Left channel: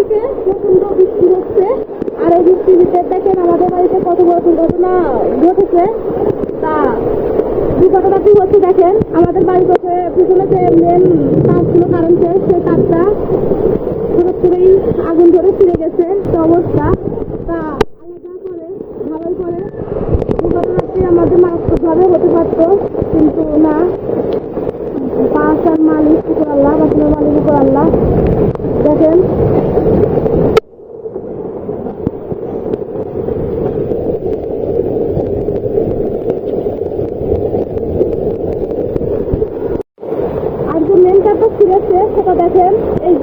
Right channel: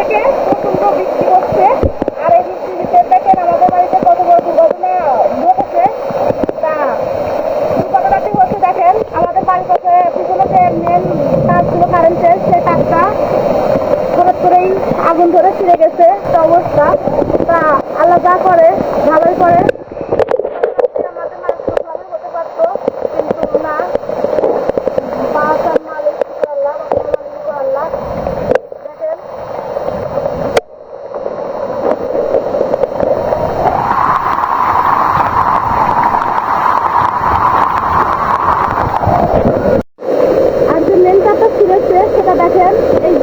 থেকে প্রচন্ড বৃষ্টি হচ্ছে। আর এই বৃষ্টিতে দেখেন আমাদের বাড়িতে কত বড় দুর্ঘটনা ঘটেছে। তা দুর্ঘটনাটি হচ্ছে দেখেন আমাদের বাড়ির পাশে পিছনে যে মেন তারগুলো কারেন্টের সেই তারটা হঠাৎ করেই আগুন ধরে ছিঁড়ে গেছে একটা অবস্থা। তা আল্লাহ যা করে ভালোই করে। দুর্ঘটনাটি আমাদের মারাত্মকভাবে হতে পারতো, কিন্তু না, বাসার মালিক শুকুর আল্লাহ, বাসার মালিক শুকুর আল্লাহ। দেখেন আর যে মেন তারটা ছিঁড়েছে সেটা দেখেন এই